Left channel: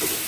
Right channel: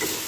Thank you.